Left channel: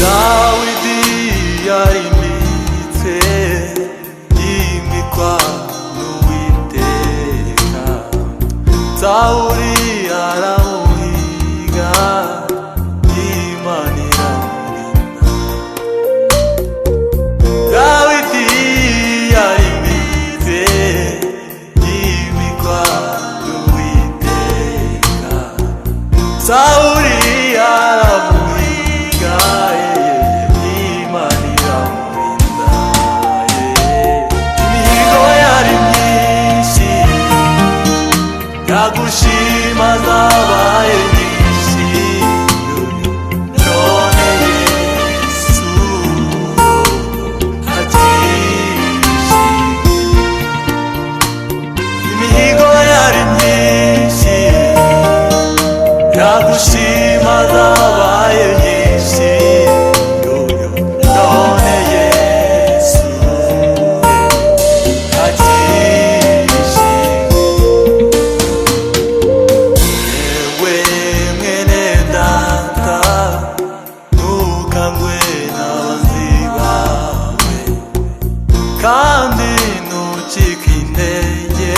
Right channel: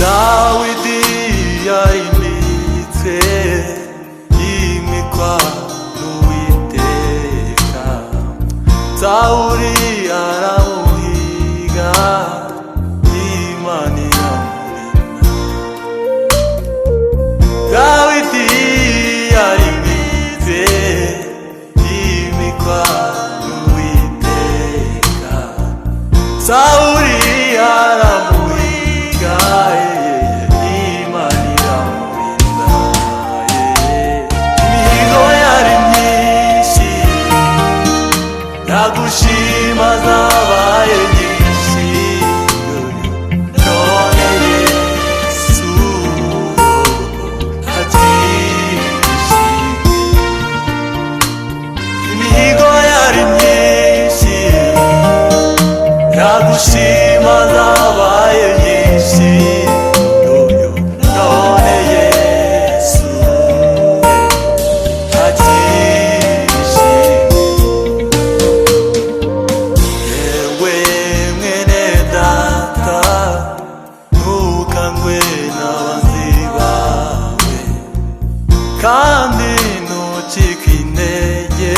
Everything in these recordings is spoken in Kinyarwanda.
Dawidi yarimitse yimikwa n'Uwiteka, Sawuli aramuhiga, Imana iramurinda. Dawidi yarimitse yimikwa n'Uwiteka, Sawuli aramuhiga, Imana iramurinda. Imihigo yari myinshi, yagushima zabaye nyinshi, none Yesu akishimye. Imihigo yari myinshi, yagushima zabaye nyinshi, none Yesu akishimye. Yewe mwene data, ntukangwe n'abanzi bawe, kandi ntucike intege,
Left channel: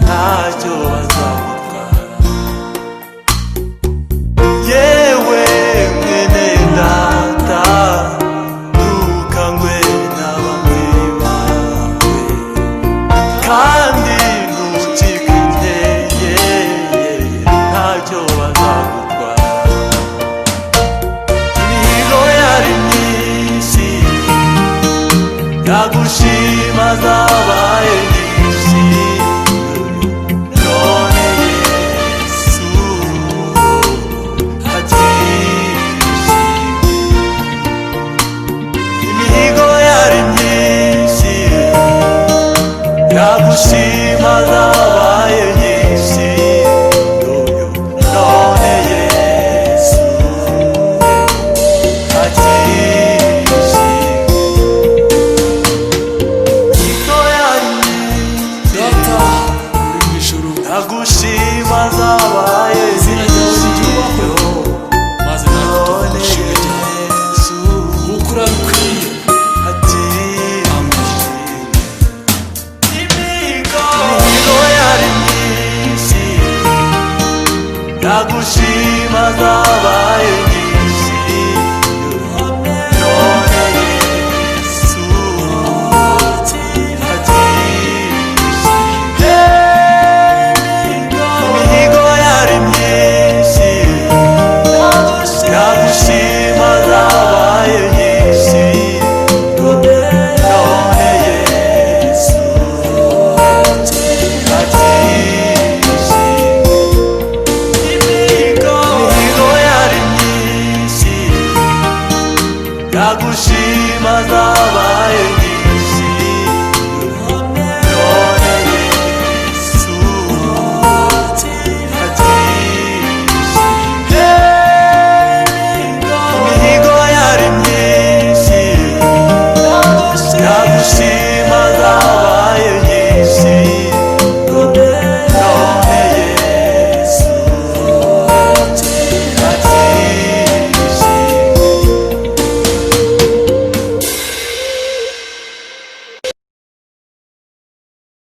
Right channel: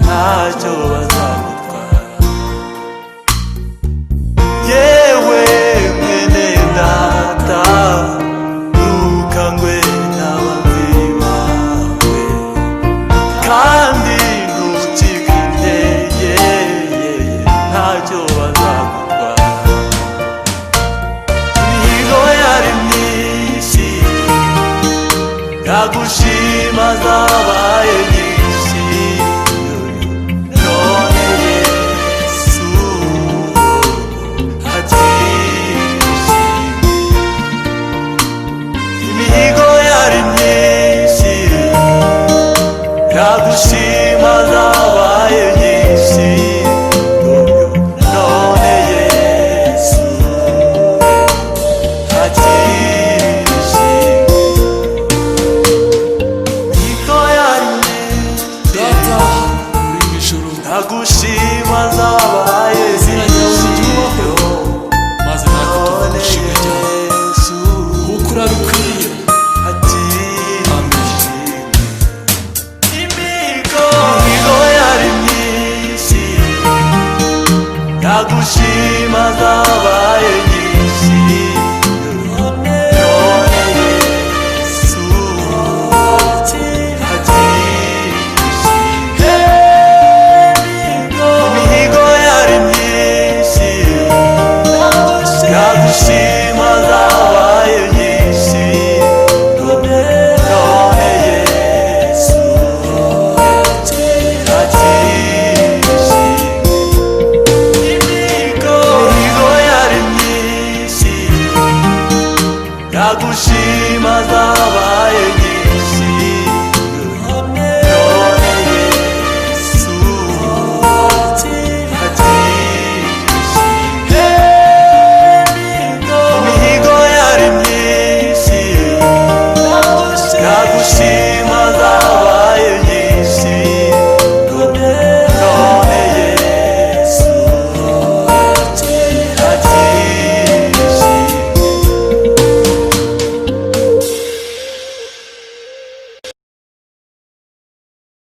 ntacyo bazagutwara. Yewe mwene data, ntukangwe n'abanzi bawe, kandi ntucike intege, ntacyo bazagutwara. Imihigo yari myinshi, yagushima zabaye nyinshi, none Yesu akishimye. Imihigo yari myinshi, yagushima zabaye nyinshi, none Yesu akishimye. Imihigo yari myinshi, Data uri mu ijuru, yagushima zabaye izina ryawe nyinshi, ryubahwe, maze natwe tuvuge ishimwe ryawe, Yesu kuko urabikwiye. Amen. Imihigo yari myinshi, yagushima zabaye nyinshi, none Yesu akishimye. Imihigo yari myinshi, yagushima zabaye nyinshi, none Yesu akishimye. Imihigo yari myinshi, yagushima zabaye nyinshi,